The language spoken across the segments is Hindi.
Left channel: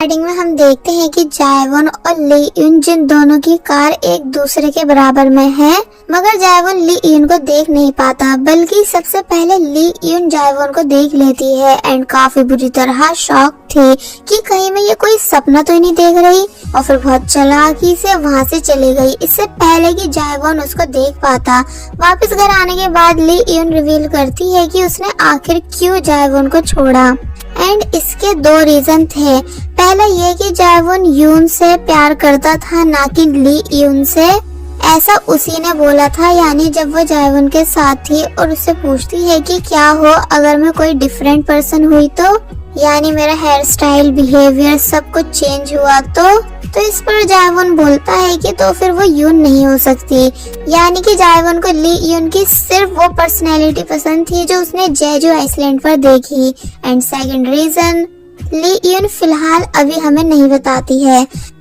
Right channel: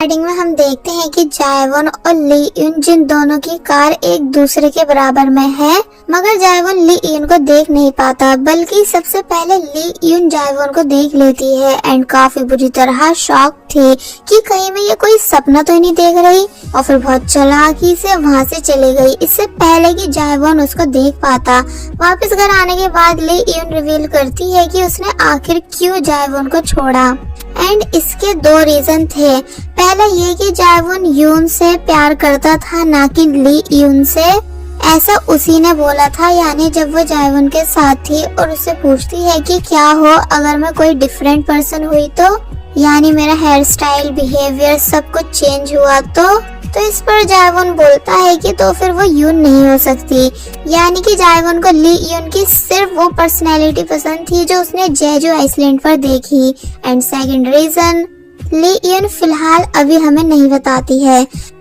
स्टार्टिंग में हम देखते हैं कि जायवॉन और ली यून जिन दोनों की कार एक दूसरे के बराबर में है, मगर जायवॉन ली यून को देख नहीं पाता, बल्कि सबसे पहले ली यून जायवॉन को देख लेती है एंड काफी बुरी तरह शॉक थी कि कहीं मैं ये कोई सपना तो नहीं देख रही, और फिर बहुत चालाकी से वहाँ से चली गई इससे पहले कि जायवॉन उसको देख पाता। वापस घर आने के बाद ली यून रिवील करती है कि उसने आखिर क्यों जायवॉन को छोड़ा एंड इसके दो रीजन थे। पहला ये कि जायवॉन यून से प्यार करता था, ना कि ली यून से, ऐसा उसी ने बोला था। यानी जब वो जायवॉन के साथ थी और उससे पूछती है कि क्या हो अगर मैं कोई डिफरेंट पर्सन हुई तो, यानी मेरा हेयर स्टाइल, बिहेवियर सब कुछ चेंज हुआ तो इस पर जायवॉन बोलता है कि तो फिर वो यून नहीं हो सकती। यानी कि जायवॉन को ली यून की सिर्फ वो पर्सनैलिटी पसंद थी जो उसने जेजू आइसलैंड पर देखी। एंड सेकंड रीजन ली यून फिलहाल अभी हमें नहीं बताती है।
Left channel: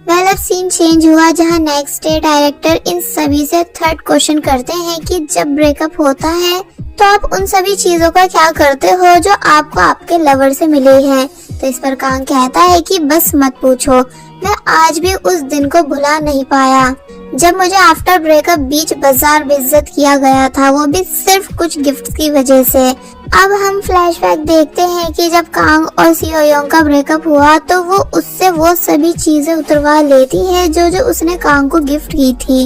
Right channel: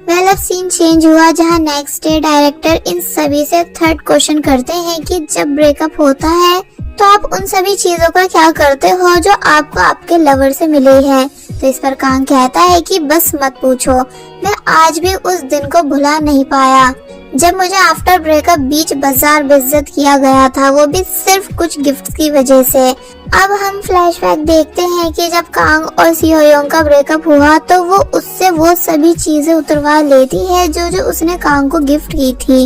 वेल अब सीन चेंज हुआ जहां नेक्स्ट डे डायरेक्टर इन सभी से थर्ड क्वेश्चन करते हैं कि जब ब्रेकअप होता है तो आप उन सभी चीजों का क्या करते हो जो आपको आपके लवर से मिली हैं। तो इस पर कांग कहता है कि बस मत पूछो, मैं आज भी उस दिन को भुला नहीं पाया जब मुझे आफ्टर ब्रेकअप बीच बाजार बेइज्जत किया गया था, वो भी सिर्फ कुछ गिफ्ट की वजह से। अब हम फ्लैशबैक देखते हैं कि जब कांग और सियोयोंग का ब्रेकअप हुआ तो वो उससे वो सभी चीजें उतरवा लेती है जो उसने कांग को गिफ्ट की थी,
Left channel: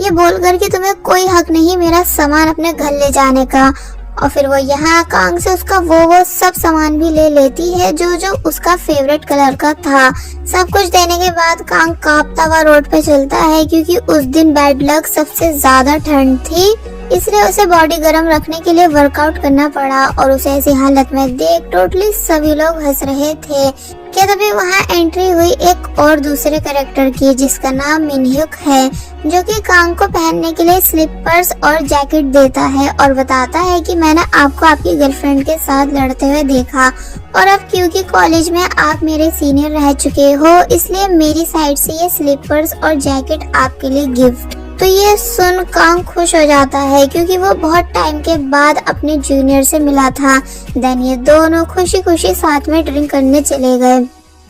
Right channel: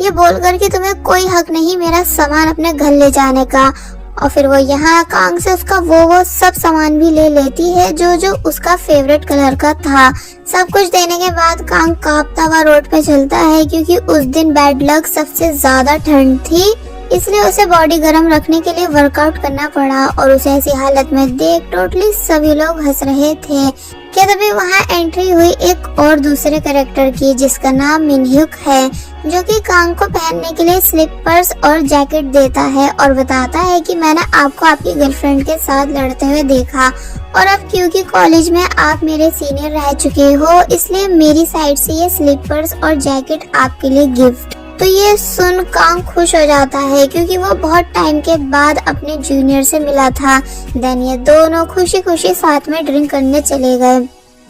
ये बोलकर कि तुम्हें कोई हक नहीं मेरा सामान अपने घर ले जाने का। और फिर वो यहाँ कांग से उसका वो सब सामान भी ले लेती है जो उसका फेवरेट कलर का था। सब कुछ देने के बाद कांग कांपता हुआ रोड पे चलता है क्योंकि उस दिन बैड लक सबसे ज्यादा ठंड थी, इसलिए उसे बॉडी गर्म रखने के लिए वर्कआउट करना पड़ा। और उसे ऐसी हालत में देख टोटली सभी लोग हंस रहे थे कि तभी वहाँ एंट्री हुई एक और दूसरे कैरेक्टर की जिसका नाम मिनह्युक है, जो कि कांग को पहनने के लिए स्लीपर्स और जैकेट देता है और बताता है कि मैंने आपको आपकी गर्लफ्रेंड के साथ लड़ते हुए देखा और अब क्योंकि कॉलेज में आप मेरे सीनियर रह चुके हो इसलिए मेरी साइड से ये स्लीपर्स और जैकेट आपके लिए गिफ्ट। तो ये सुन कांग खुश हो जाता है क्योंकि वो बहुत टाइम के बाद अपने जूनियर से मिला था। देन ये दोनों खुशी खुशी साथ में ड्रिंक करने चले गए।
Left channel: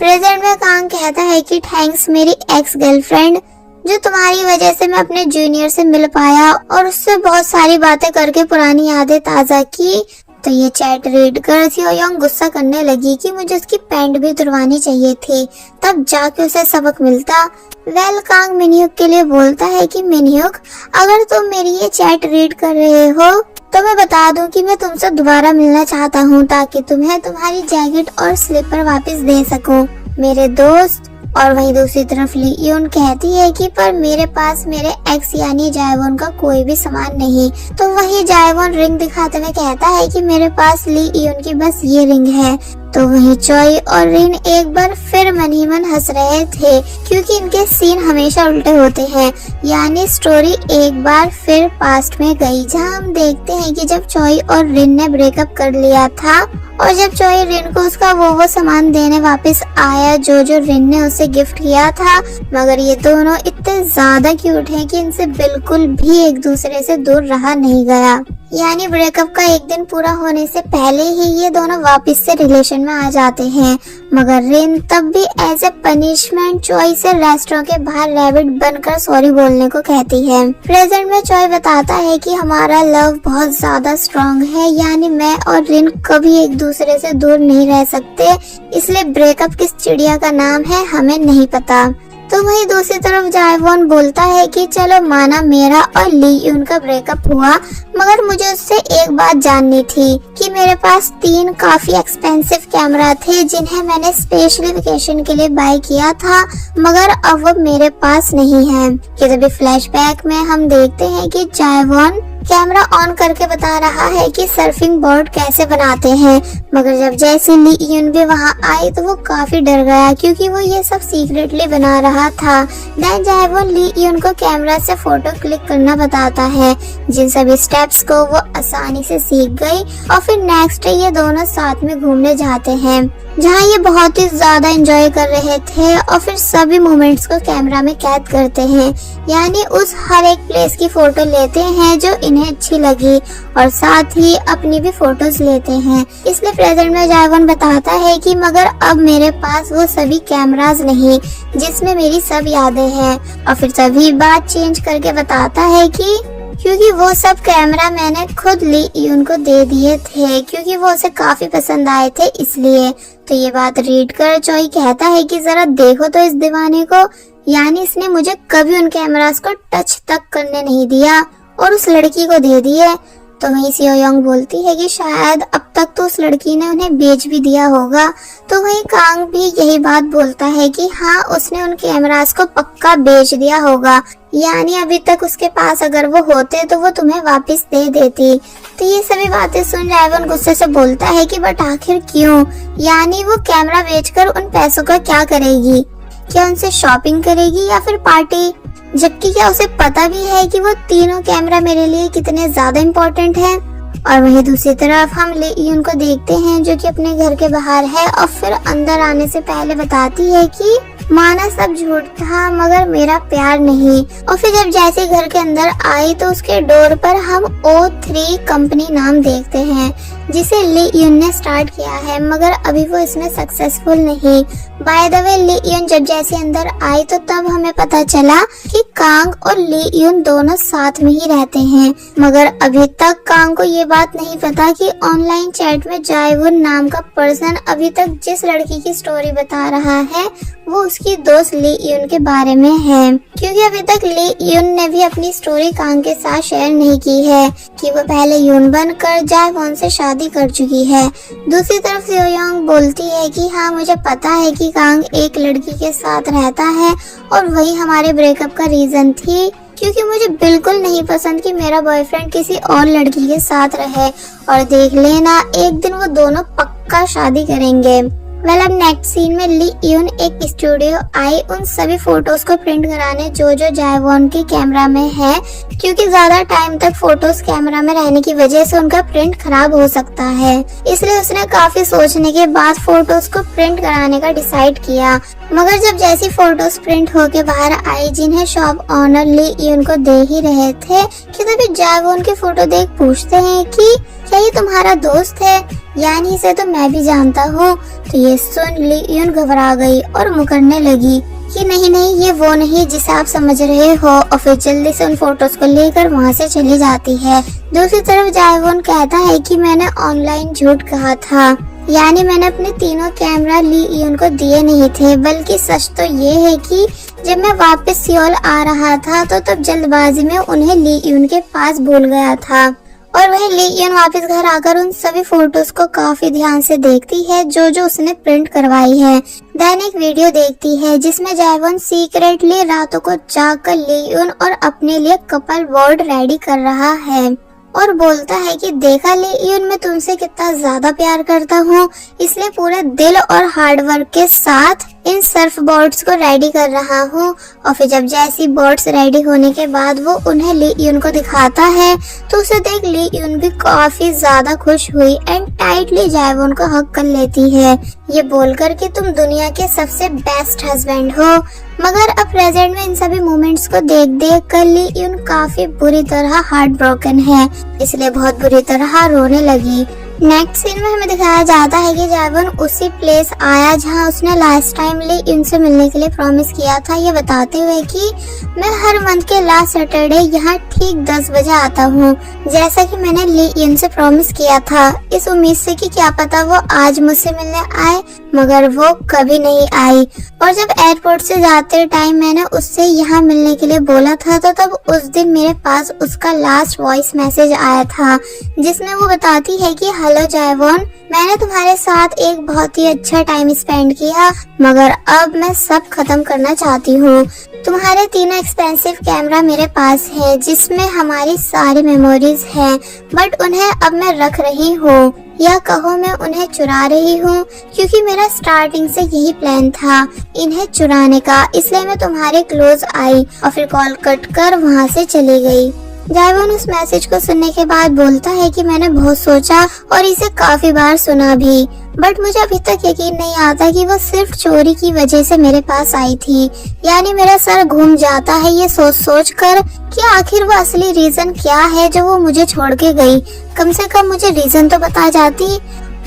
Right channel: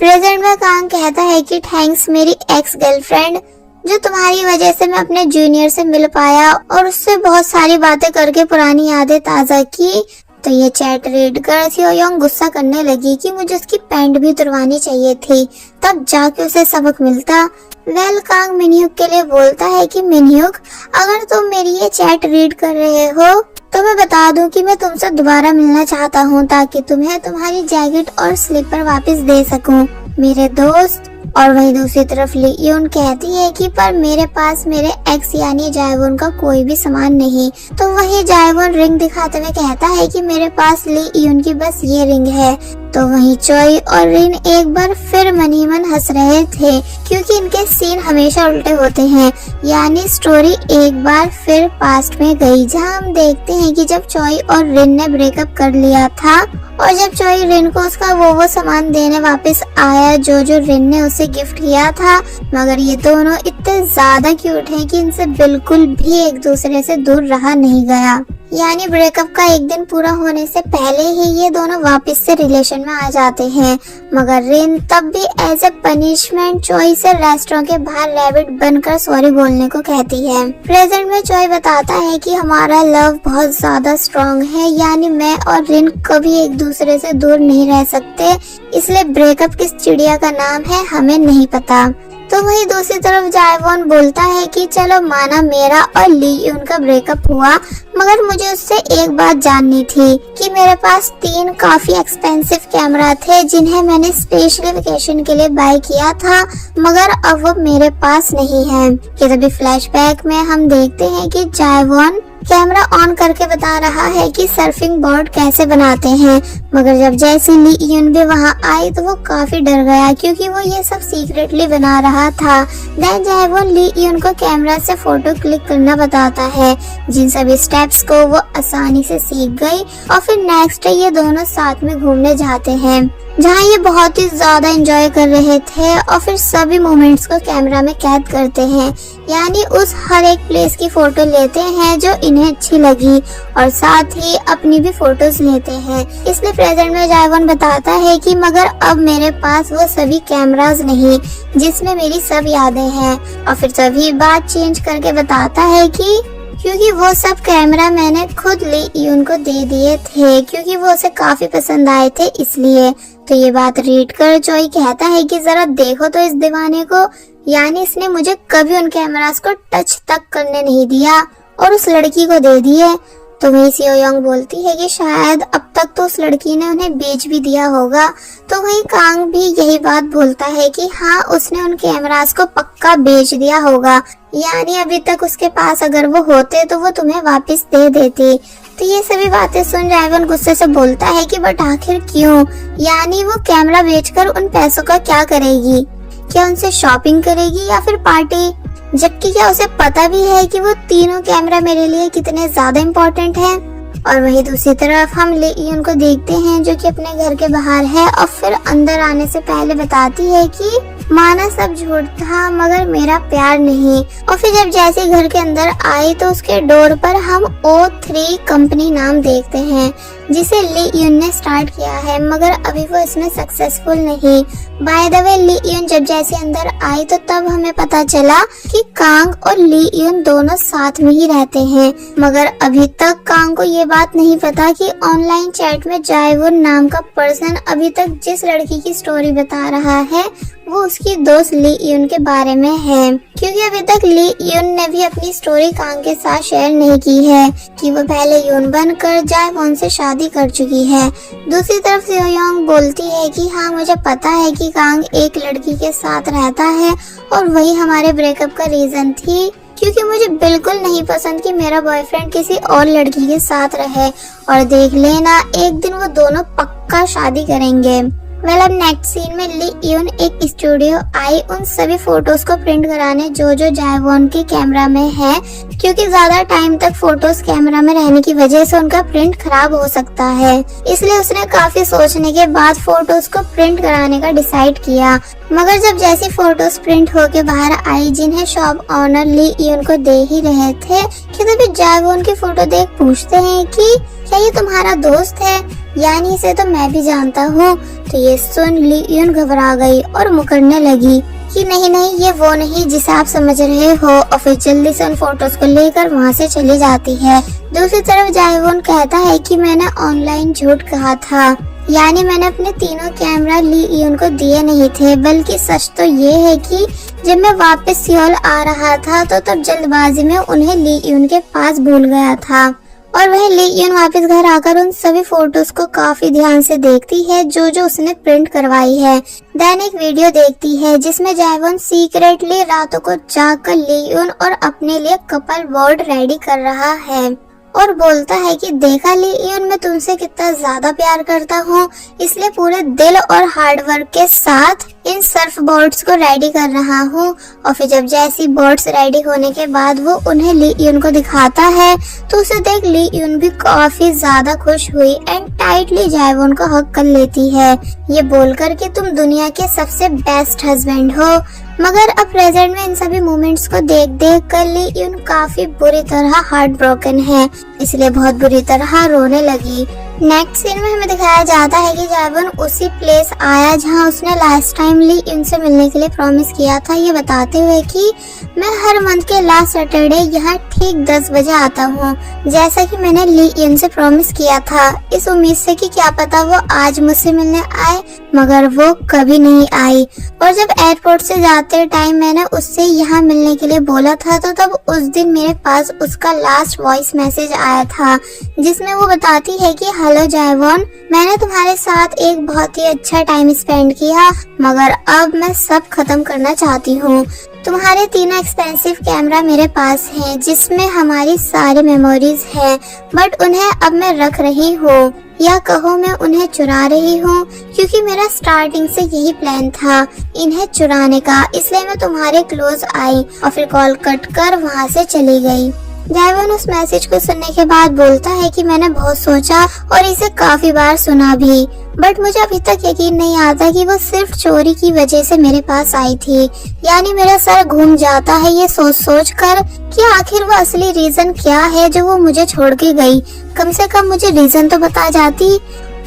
प्रेजेंट में कांग कहता है कि थैंक्स मेरी एक्स गर्लफ्रेंड, जो तुम्हारी वजह से मैं अपने जूनियर से मिल पाया और उससे बहुत सारी बातें करके पुरानी यादें ताजा की। तो ये चैट रीड कर सियोयोंग गुस्सा करने लगी कि मुझे उसकी पैंट भी उतरवानी चाहिए थी, तब जाके उसे सबक मिलता। वेल कांग मिनह्युक के लिए बोलता है कि मिनह्युक अगर तुम मेरी ये चैट रीड कर रहे हो तो मैं बता दूं कि मैं तुमसे दोबारा मिलना चाहता हूं ताकि तुम्हें तुम्हारी जैकेट और स्लीपर वापस दे सकूं मेरे दोस्त। और वहीं दूसरी तरफ ली यून कहती है कि पर मेरे पास मेरे एक्स यानी जायवॉन का कोई भी सामान नहीं। तो वही जायवॉन रिंग दिखाते हुए कहता है कि मेरे पास ली यून की बस ये रिंग है। तो वहीं चॉय और रिन एक बार फिर मन ही मन हंस रहे थे क्योंकि इनके सीन हमेशा उल्टे होते हैं। यानी स्टोरी एक बार फिर पास्ट में गई जहां हम देखते हैं कि जब चॉय और रिन ने ब्रेकअप कर लिया था और जब चॉय रिन को उसका वो सामान देने वापस आया जो रिन ने उसे गिफ्ट किया था, मगर ये दोनों इतने ज्यादा क्यूट हैं कि इनसे बिल्कुल भी एक दूसरे से दूर रहा नहीं गया। यानी ब्रेकअप का एक दिन पूरा होने से पहले ही ये दोनों वापस से रिलेशन में आ जाते हैं, मगर रिन तब भी एज ए पनिशमेंट चॉय से रेस्टोरेंट के बाहर रैबिट बनकर सॉरी बोलने को कहती है। प्रेजेंट में चॉय बताता है कि हमारा लव बहुत ज्यादा स्ट्रॉन्ग है, यानी मैं और रिन कभी एक दूसरे से दूर नहीं रह सकते, इसलिए ब्रेकअप किस चिड़िया का नाम है हमें नहीं पता। तो वही दूसरी तरफ जायवॉन बोलता है कि चलो माना मेरा और ली यून का ब्रेकअप हुआ, मगर मुझे उससे एक बात जाननी थी कि मेरे पास 3 काफी एक्सपेंसिव कैमरा थे जिन्हें मैंने स्पेशली वेकेशन के लिए बाय किया था, मगर अब वो मेरे पास नहीं है। कि तभी फ्लैशबैक में हम देखते हैं कि जायवॉन कैमरा ऑन करके बता रहा है कि सर्फिंग बोर्ड कैसे बनाते हैं, मगर जब जैसी ली यून भी वहाँ आई तो वो काफी डर गया क्योंकि वो ये सब सीक्रेटली बना रहा था। देन जायवॉन ली यून को कैमरा से फोटो क्लिक करना बताता है, जिन सभी स्टेप्स को वो आसानी से सीख गई और फिर नेक्स्ट डे ये दोनों साथ में घूमने जाते हैं। जहाँ ये बहुत ही ज्यादा एंजॉय कर रहे थे और फिर सभी मोमेंट्स को कैमरा में कैद करते हैं, यानी उस हर एक प्लेस की फोटो लेते हैं जो इन्हें अच्छी लगी और साथ ही अपनी भी फोटोज लेते हैं। इसलिए प्रेजेंट में जायवोन बताता है कि मगर अब मेरे पास वो सभी कैमरास नहीं जिसमें मेरी सब यादें हैं, और फिर तभी बात चेंज करके बताता है कि क्योंकि वो सब कैमरा मैंने खुद ली यून को दे दिए थे क्योंकि वो उसे काफी पसंद आए थे इसलिए। तो ये बात रीड कर चोई कहता है कि जरा देखो तो इस दीवाने को, यानी इसने मुझे कभी उन कैमरास को टच तक करने नहीं दिया और उस लड़की को दे दिए। तो वही सियो योंग बोलती है कि शायद अब तक तो उस लड़की ने उन्हें बेच भी दिया होगा। तो वही कांग भी यही बात बोलता है कि हाँ उसने उन कैमरास को पक्का बेच दिया होगा, यानी अभी तक उसके पास अगर वो होते तो वो तुम्हें वापस दे देती। तो ये सभी बातें सुन जायवोन गुस्से से बोलता है कि बट आखिर क्यों, यानी वो कैमरा बेचकर उन पैसों का क्या करेगी, क्या उनसे शॉपिंग करेगी या फिर पार्टी, जबकि क्या उसे पता भी है कि वो तीनों कैमरा मेरे लिए कितने ज्यादा इम्पोर्टेंट हैं। और वहीं दूसरी तरफ हम ली यून को देखते हैं जो कि अपने घर के बाहर है और फिर अंदर आने से पहले बताती है कि माना सब झूठ था मगर मेरा प्यार नहीं। और फिर जब जैसे घर के अंदर आई तो उसके डोर पर हम O3 कंपनी नाम देखते हैं जिसे ली यून ने स्टार्ट किया है, मगर अभी वो इसमें सक्सेसफुल नहीं। बाय द वे ली यून जब जैसे अंदर आई तो तब हमें पता चला कि कांग और ली यून दोनों साथ में ही रहते हैं, मगर अभी तक कांग को ये बात नहीं पता कि ऑनलाइन चैट में जायवोन नाम का पर्सन अभी तक जिस लड़की की स्टोरी बता रहा है वो उसकी दोस्त ली यून के बारे में है, क्योंकि अभी तक ली यून ने भी अपनी स्टोरी कांग के साथ शेयर नहीं की है कि वो पहले यून बनकर जायवोन से शादी कर चुकी है। दूसरी तरफ सियो योंग बोलती है कि हाँ मुझे पता है कि कांग एक लड़की के साथ रहता है और वही हमारे ब्रेकअप का रीजन थी, क्योंकि मुझे बिल्कुल नहीं पसंद कि मेरा बॉयफ्रेंड किसी और लड़की के साथ रहे, और देख लेना एक दिन वो दोनों पक्का शादी करेंगे। मतलब नेक्स्ट सीन में ली यून एक स्टूडियो आई उन सभी फोटोज को प्रिंट कराने जो जायवोन के कैमरा में है, क्योंकि ज्यादा टाइम तक फोटोज कैमरा में रहने की वजह से उनका प्रिंट खराब हो सकता है। इसलिए उसने काफी सोचने के बाद फोटोज को प्रिंट कराने का डिसाइड किया, मगर जब जैसी फोटोज प्रिंट होके बाहर आई जिन्हें शॉप ऑनर ली यून को दे ही रहे थे कि तभी जायवोन की फोटो देख पूछते हैं कि क्या ये तुम्हारा दोस्त है, यानी इसे तो मैं भी जानता हूँ। तो ये सुन ली यून घबरा गई और मुकरने लगी कि नहीं ये वो नहीं जिसे आप समझ रहे हो, और फिर जल्दी से उन फोटोज को लेकर वहाँ से चली जाती है। दूसरी तरफ जायवोन कहता है कि मैंने ऑनलाइन झूठ कहा था, यानी मैंने अपने तीनों कैमरा ली यून को दिए नहीं थे, बल्कि सच तो ये है कि जब मैं वापस सियोल आ रहा था तो तब जल्दबाजी में उन्हें ली यून के पास भूल गया था। और वह ली यून वापस घर आकर उन सभी फोटोज को काफी ध्यान से देखती है जो उसने प्रिंट करवाई है। देन एक वीडियो देखती है जिसमें जायवोन सीक्रेटली रातों को जागकर ली यून और अपने लिए कपल बोर्ड रेडी कर रहा है और बोलता है कि देखा ली यून मैं तुमसे कितना ज्यादा प्यार करता हूँ, इसलिए पूरे दिल और हार्ड वर्क के साथ इन सर्फ बोर्ड्स को रेडी कर रहा हूँ। और फिर जब जैसी बोर्ड्स रेडी होने के बाद वो उन्हें ली यून को दिखाता है तो उसे देख ली यून भी काफी ज्यादा खुश हुई एंड टाइटली जायवोन को हक कर लेती है, ये बोलकर कि तुम दुनिया के सबसे बेस्ट हस्बैंड हो। मगर अब प्रेजेंट में इन सभी मोमेंट्स को देख कर ली यून काफी बुरी तरह हार्ट ब्रोकन है, इसलिए बहुत बुरी तरह रोने लगी। नेक्स्ट सीन में हमें दिखाया जाता है कि जायवोन उसी प्लेस आया जहां उसने लास्ट टाइम ली यून से मिलने के लिए प्रॉमिस किया था, ये बताते हुए कि मैं हर मंथ के लास्ट सैटरडे यहाँ ठीक 10 बजे आता हूँ, जैसा कि मैंने ली यून से प्रॉमिस किया था, इस उम्मीद से कि क्या पता वो आज मुझसे मिलने आए, मगर वो कभी नहीं आई। और जब एयरपोर्ट से जाते टाइम मैंने उससे यहाँ मिलने के लिए बोला था तो तब उस दिन मेरे पास उसका लास्ट वॉइस मैसेज आया था जिसमें वो बताती है कि हेलो जायवोन, मैंने तुम्हारे साथ एक बहुत ही अच्छा टाइम स्पेंड किया, मगर अब मैं सब खत्म करना चाहती हूँ। तुम्हारे तीनों एक्सपेंसिव कैमरा मेरे पास हैं जिसमें हमारी सारी मेमोरीज हैं, बट उन्हें अब मैं रख रही हूँ, या कहो मैं उन्हें चुरा रही हूँ, क्योंकि मेरा स्टार्टिंग से यही प्लान था इन्हें चुराने का, इसलिए मैं तुम्हारे क्लोज आई और फिर कॉल कट कर वहाँ से चली गई। जायवोन उस मैसेज को सुनने के बाद बोलता है कि मैंने बहुत सोचा और इसे काफी बार सुना भी, बट मुझे अभी तक यकीन नहीं आता कि वो सिर्फ चोरी की वजह से मेरे पास आई थी। यानी मेरा सर घूम जाता है ये सोच सोच कर कि आखिर वो असली रीजन क्या है जो वो मुझे छोड़ के गई। कम से कम मुझे रीजन तो बता जाती।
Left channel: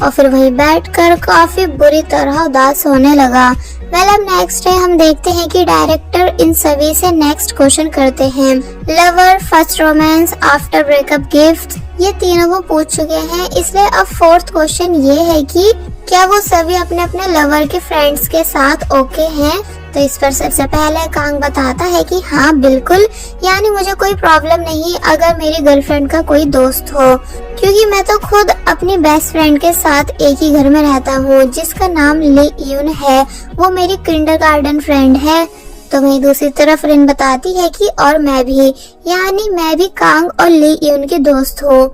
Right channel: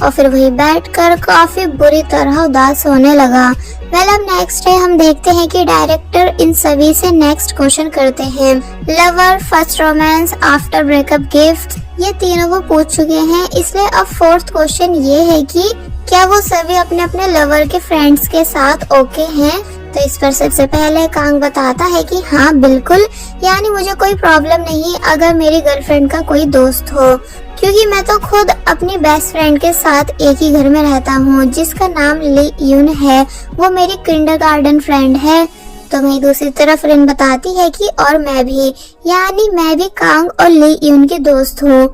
और फिर वहीं बैठकर काफी बुरी तरह उदास होने लगा। अब नेक्स्ट डे हम देखते हैं कि डायरेक्टर इन सभी से नेक्स्ट क्वेश्चन करते हैं। Lover, first romance, after breakup, gift, ये तीनों वो पूछ चुके हैं। इसलिए अब फोर्थ क्वेश्चन ये है कि क्या वो सभी अपने अपने लवर के फ्रेंड्स के साथ ओके हैं। तो इस पर सबसे पहले कांग बताता है कि हाँ बिल्कुल, यानी मुझे कोई प्रॉब्लम नहीं अगर मेरी गर्लफ्रेंड का कोई दोस्त हो, क्योंकि मैं तो खुद अपनी बेस्ट फ्रेंड के साथ एक ही घर में रहता हूँ जिसका नाम ली यून है। वो मेरी किंडरगार्टन फ्रेंड है। तो वही दूसरी तरफ रिन बताती है कि और मैं भी, यानी मैं भी कांग और ली यून की दोस्त हूँ।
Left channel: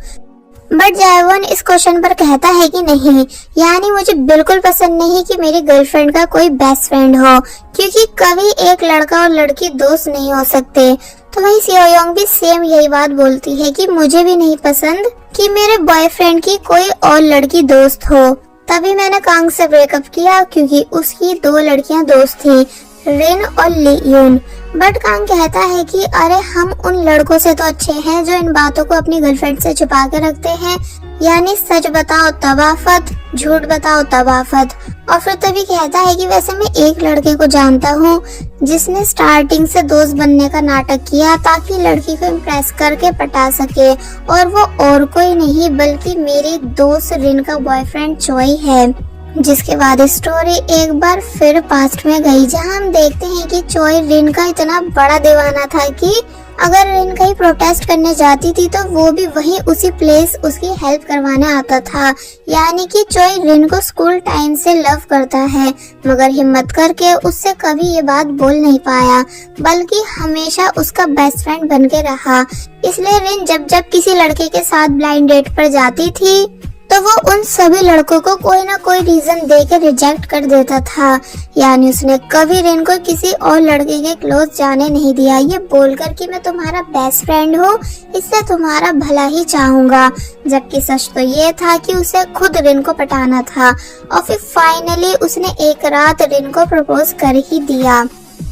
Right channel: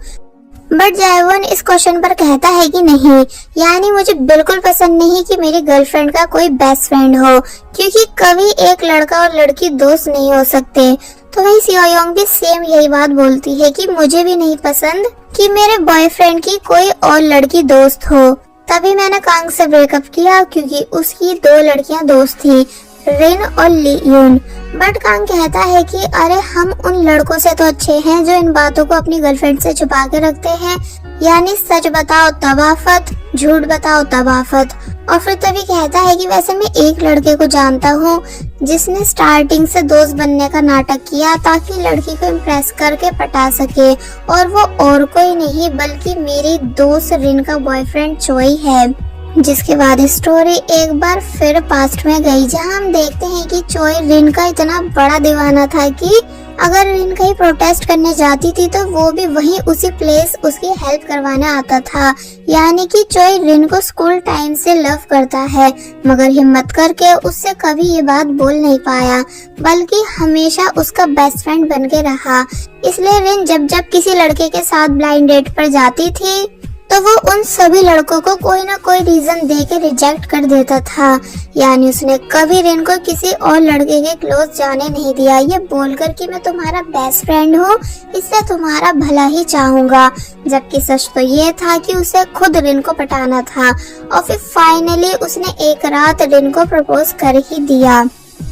बट जायवन इस क्वेश्चन पर कहता है कि नहीं, यानी मुझे बिल्कुल पसंद नहीं कि मेरी गर्लफ्रेंड का कोई बेस्ट फ्रेंड हो, क्योंकि कभी एक लड़का और लड़की दोस्त नहीं हो सकते। तो वही सियोयोंग भी सेम यही बात बोलती है कि मुझे भी नहीं पसंद कि मेरे बॉयफ्रेंड की कोई और लड़की दोस्त हो। तभी मैंने कांग से ब्रेकअप किया क्योंकि उसकी 2 लड़कियां दोस्त थी, रिन और ली यून। बट कांग कहता है कि अरे हम उन लड़कों से तो अच्छे हैं जो इन बातों को अपनी गर्लफ्रेंड से छुपा के रखते हैं, यानी सच बताओ तब आफत, झूठ बताओ तब आफत। और फिर तभी कहता है कि वैसे मैं एक लड़के को जानता हूँ जिसने स्टार्टिंग से दोस्त बनने का नाटक किया ताकि लड़की को इम्प्रेस करके पटा सके, और वो और कोई नहीं बल्कि मेरी दोस्त रिन का बॉयफ्रेंड चोई है। जिसके बाद स्टोरी एक बार फिर पास्ट में गई, जहां हम देखते हैं कि चोई रिन का इतना बड़ा दीवाना था कि अगर रिन कहीं प्रोटेस्ट करने जाती थी तो वो भी वही उसी प्लेस उसकी हेल्प करवाने आता था। यानी कि चोई रिन को स्कूल टाइम से लव करता है, मगर हिम्मत करके उससे कभी ये बात बोल नहीं पाया, बल्कि हमेशा उसका बेस्ट फ्रेंड बन के रहा। इसलिए रिन जब जब किसी लड़के के साथ ब्लाइंड डेट पर जाती थी तो वो उन सभी लड़कों को कोई ना कोई रीजन दे के रिजेक्ट कर देता था। यानी उसने कभी रिन को किसी और लड़के के क्लोज जाने नहीं दिया, ये बोलकर कि मैं तुम्हारा बेस्ट फ्रेंड हूँ, इससे तुम्हारा भला ही चाहूंगा। जबकि सच तो ये था कि उसे खुद रिन को पटाना था। और फिर फाइनली उसने एक रात रिन को प्रपोज कर ही दिया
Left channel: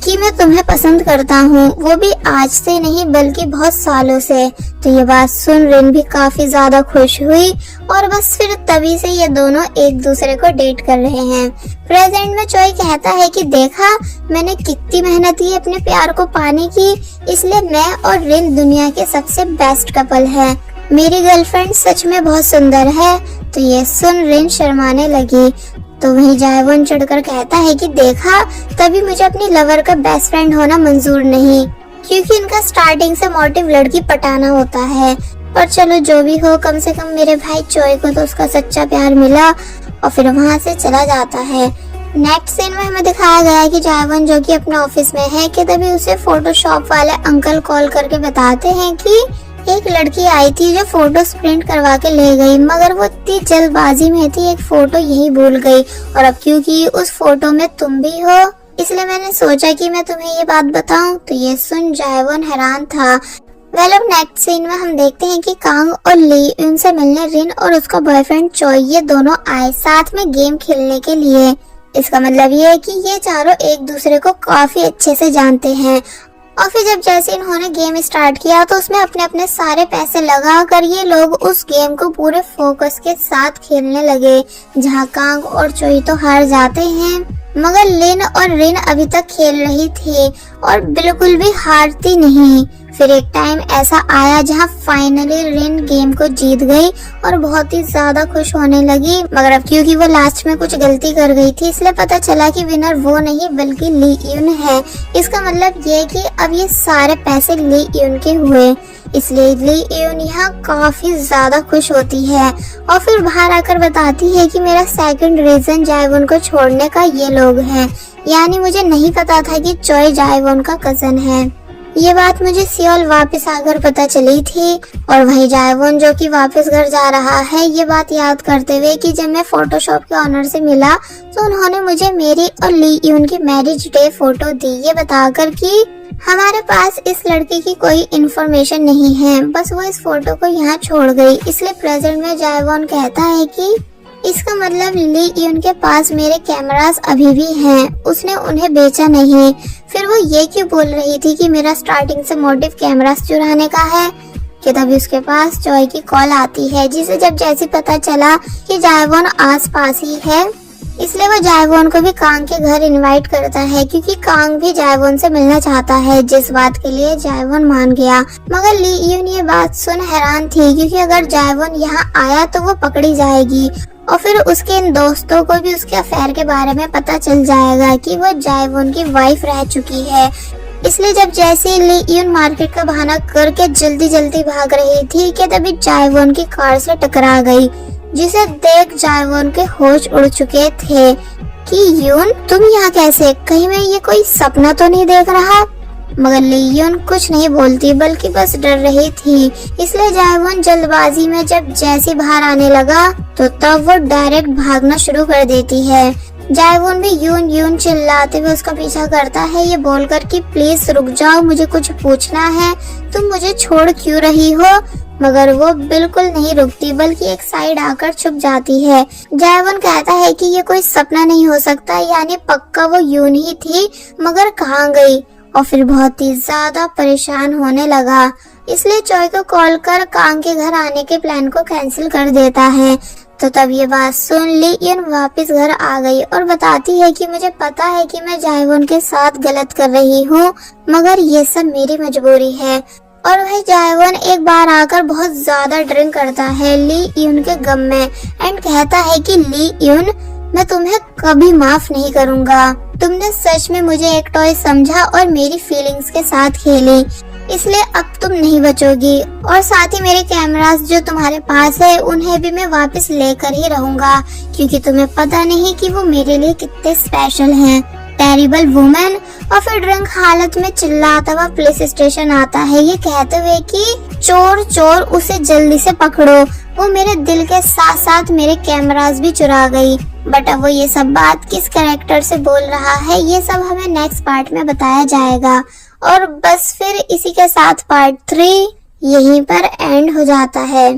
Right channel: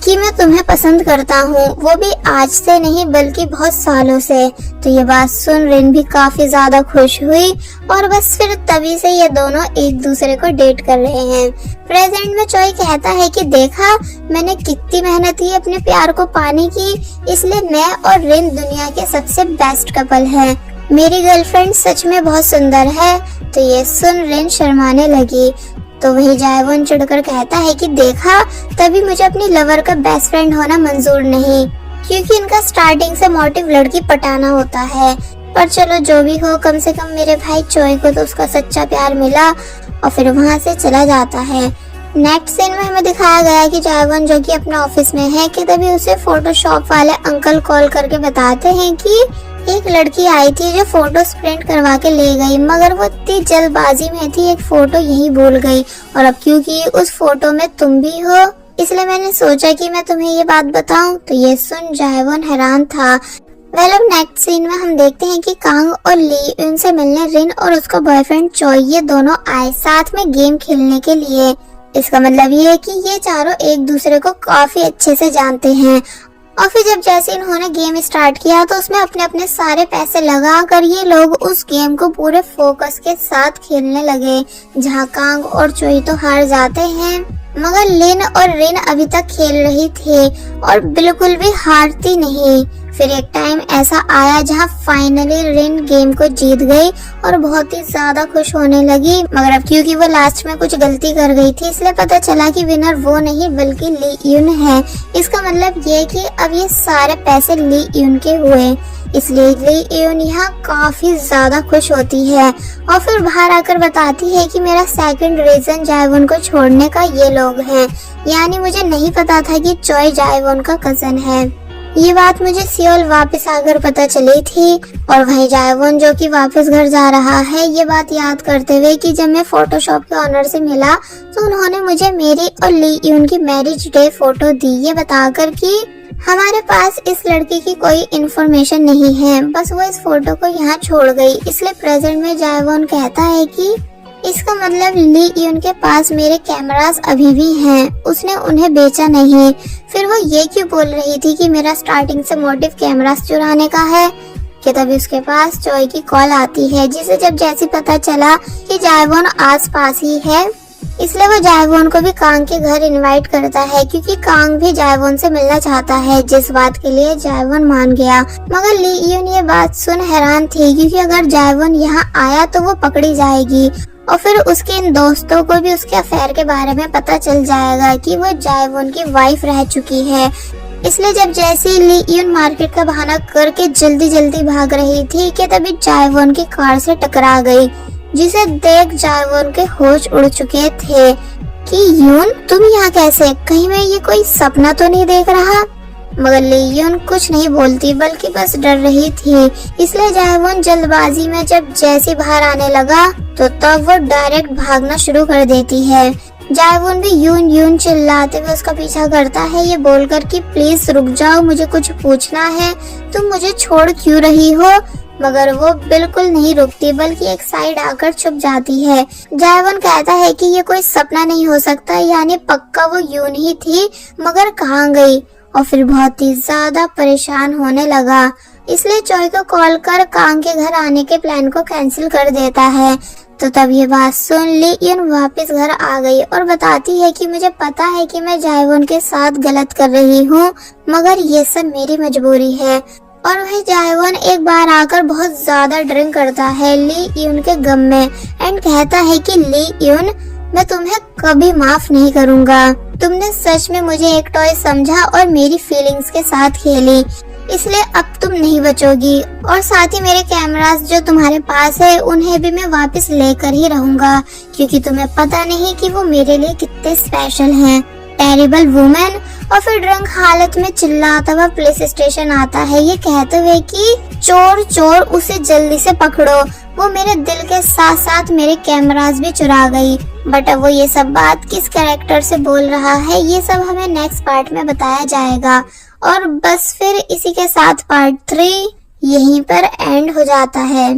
कि मैं तुम्हें पसंद करता हूँ, वो भी आज से नहीं बल्कि बहुत सालों से। तो ये बात सुन रिन भी काफी ज्यादा खुश हुई और बस फिर तभी से ये दोनों एक दूसरे को डेट कर रहे हैं। प्रेजेंट में चोई कहता है कि देखा मैंने कितनी मेहनत की अपने प्यार को पाने की, इसलिए मैं और रिन दुनिया के सबसे बेस्ट कपल है। मेरी गर्लफ्रेंड सच में बहुत सुंदर है। तो ये सुन रिन शर्माने लगी। तो वही जायवन चिढ़कर कहता है कि देखा तभी मुझे अपनी लवर का बेस्ट फ्रेंड होना मंजूर नहीं, क्योंकि इनका स्टार्टिंग से मोटिव लड़की पटाना होता है। पर चलो जो भी हो, कम से कम मेरे भाई चोई को तो उसका सच्चा प्यार मिला। और फिर वहाँ से चला जाता है। नेक्स्ट सीन में हमें दिखाया गया है कि जायवन जो कि अपने ऑफिस में है कि तभी उसे फोटोशॉप वाले अंकल कॉल करके बताते हैं कि एक लड़की आई थी जो फोटो प्रिंट करवा के ले गई, मगर वो इतनी जल्दबाजी में थी एक फोटो यही भूल गई, और अब क्योंकि उस फोटो में तुम भी हो इसलिए मैंने सोचा कि मैं तुम्हें ये बात बताऊं। तो ये सुन जायवन हैरान था। अब नेक्स्ट सीन में हम देखते हैं कि कांग और ली उनसे मिलने रिन और उसका बॉयफ्रेंड चोई ये दोनों आए साथ में गेम खेलने के लिए। इसका मतलब ये है कि ये चारों एक दूसरे को काफी अच्छे से जानते हैं। और फिर जब जैसे इन्होंने गेम स्टार्ट किया तो उसमें अपने अपने सारे पैसे लगा कर ये लोग उस गेम को पूरे फोकस के साथ खेलने लगे, जहाँ कांग और चोई तो हार जाते हैं, मगर लिन और रिन अभी तक खेल रही थी और बिल्कुल भी हारती नहीं। फिर एक टाइम ऐसा आया जहाँ फाइनली रिन गेम को जीत गई और बहुत ही ज्यादा खुश होने लगी, मगर अब क्योंकि वो लास्ट में कुछ गलती कर गई थी इसलिए पता चला कि विनर वो नहीं बल्कि ली यून है। इसका मतलब ये कि अब ये सारे पैसे ली यून के हुए, इसलिए ली यून यहाँ काफी ज्यादा खुश होती है और फिर बाहर आकर बताती है कि मेरा सेकंड रीजन जायवन को छोड़ने का ये लोग हैं। यानी मुझे नहीं पता था कि चोई जायवन का कजन है। ये बात मुझे सियोल वापस आकर पता चली थी। और वही जायवन जो कि वापस घर जा रहा है ये बात याद करते हुए कि जब मैं फोटोशॉप के ऑनर से मिला तो उन्होंने मुझे मेरी और ली यून की मैरिज डे फोटो दी, ये बताकर कि हमारे पास इस लड़की की कोई इन्फॉर्मेशन नहीं है, बस वो इस फोटो को यहाँ छोड़ गई। इसलिए प्रेजेंट में जायवन कहता है कि इसका मतलब ली यून के पास मेरे कैमरास अभी भी हैं, उसने उन्हें बेचा नहीं। फिर वो ये क्यों बोल रही थी कि मेरा स्टार्टिंग से मोटिव कैमरास चुराने का है? कि तभी उसके पास जॉय की कॉल आती है, जिसे जब जैसे पता चला कि जायवॉन आस पास ही है, इसलिए वो जायवॉन को भी कांग के घर इनवाइट करता है, क्योंकि कांग भी जायवॉन से मिलना चाहता है, जिस बात के लिए जायवॉन मान गया। मगर ली यून ये बात सुन हैरान थी, क्योंकि अगर जायवॉन यहाँ आया तो वो पकड़ी जाएगी और फिर उसके इन दोस्तों को भी उसके अफेयर के बारे में पता चल जाएगा कि वो जायवॉन की वाइफ रह चुकी है। इसलिए जब जैसे ली यून मार्केट का बहाना करके जल्दी जल्दी भाग रही थी कि तभी जायवॉन की कार से टकरा गई, जिसे देख जायवॉन के होश उड़ चुके थे कि यून तुम यहाँ कैसे, कहीं मैं ये कोई सपना तो नहीं देख रहा? मगर ली यून कुछ नहीं बोलती, बल्कि बस डर रही थी। इसलिए जायवॉन जल्दबाजी में जब जैसे बाहर आने लगा तो तब वो डायरेक्ट भागना शुरू कर देती है। जायवॉन भी यून यून चिल्लाते हुए उसका पीछा करता है, ये बोलकर कि प्लीज रुक जाओ, मुझे कुछ पूछना है, तुम मुझे छोड़ क्यों रही हो? मगर वो बिल्कुल नहीं रुकती, बल्कि एक साइड आकर छुप जाती है। जायवॉन कहता है कि ये कोई सपना नहीं हो सकता, यानी पक्का वो यून ही थी, मगर कहाँ गई? और फिर बहुत ही ज्यादा परेशान होने लगा, इसलिए चॉय को कॉल कर कांग के घर आने के प्लान को कैंसिल कर देता है। तो तब ये बात सुन ली यून वापस घर आ गई और बताती है कि मुझे पता है कि मैं जायवॉन के साथ गलत कर रही हूँ, मगर ये सब मेरी मजबूरी है। और वही जायवॉन एक बार आकर बहुत ज्यादा ड्रिंक करता है ली यून के गम में एंड कहता है कि ली यून, मैं तुम्हें कभी माफ नहीं करूँगा। तुमने सच में मुझे एक टॉय समझा और मेरी फीलिंग्स के साथ खेली, इसलिए अब तुम नहीं बचोगी। और साथ ही मेरे कैमरास जो तुम्हारे पास है उन्हें भी मैं वापस लेकर ही रहूंगा, क्योंकि तुम्हें पता नहीं कि वो मेरे लिए कितने स्पेशल हैं। Terrible women. और फिर ड्रंक हालत में चिल्लाता हुआ पुलिस स्टेशन आता है, ये कहते हुए कि चोर चोर, उसे जल्दी से पकड़ो, वो मेरे दिल के साथ साथ मेरे कैमरास भी चुरा गई। बट अब वो ये सब बात किस कैरेक्टर से बोल रहा है, ये सब हमें नेक्स्ट पार्ट में बताया जाएगा। और बस फिर इसी के साथ पार्ट 3 यहीं पर एंड हो जाता है।